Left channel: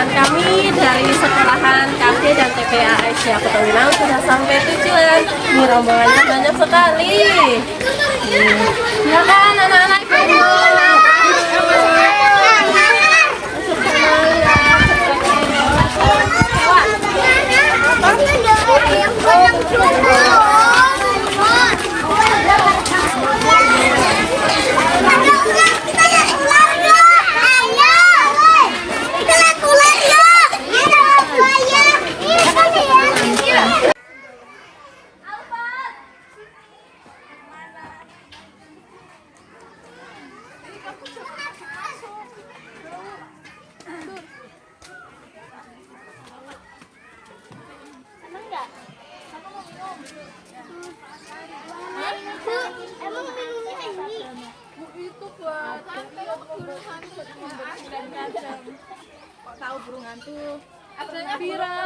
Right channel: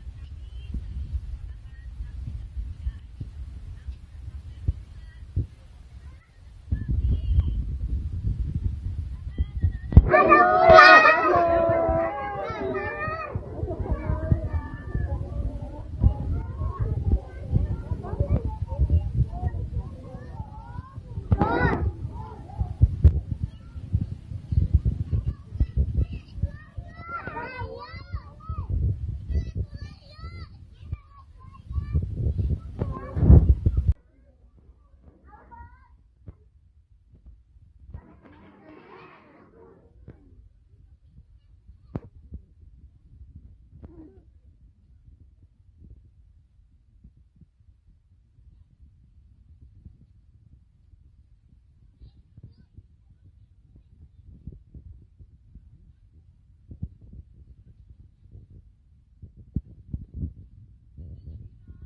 perjalanan kami dari sekolahan KD dan TPA Aisyah Petuwilang sudah sampai tujuan. Ini rombongannya banyak sekali. Ya kan anak-anak ibu. Kok tahu burung hantu? Adanya Bira.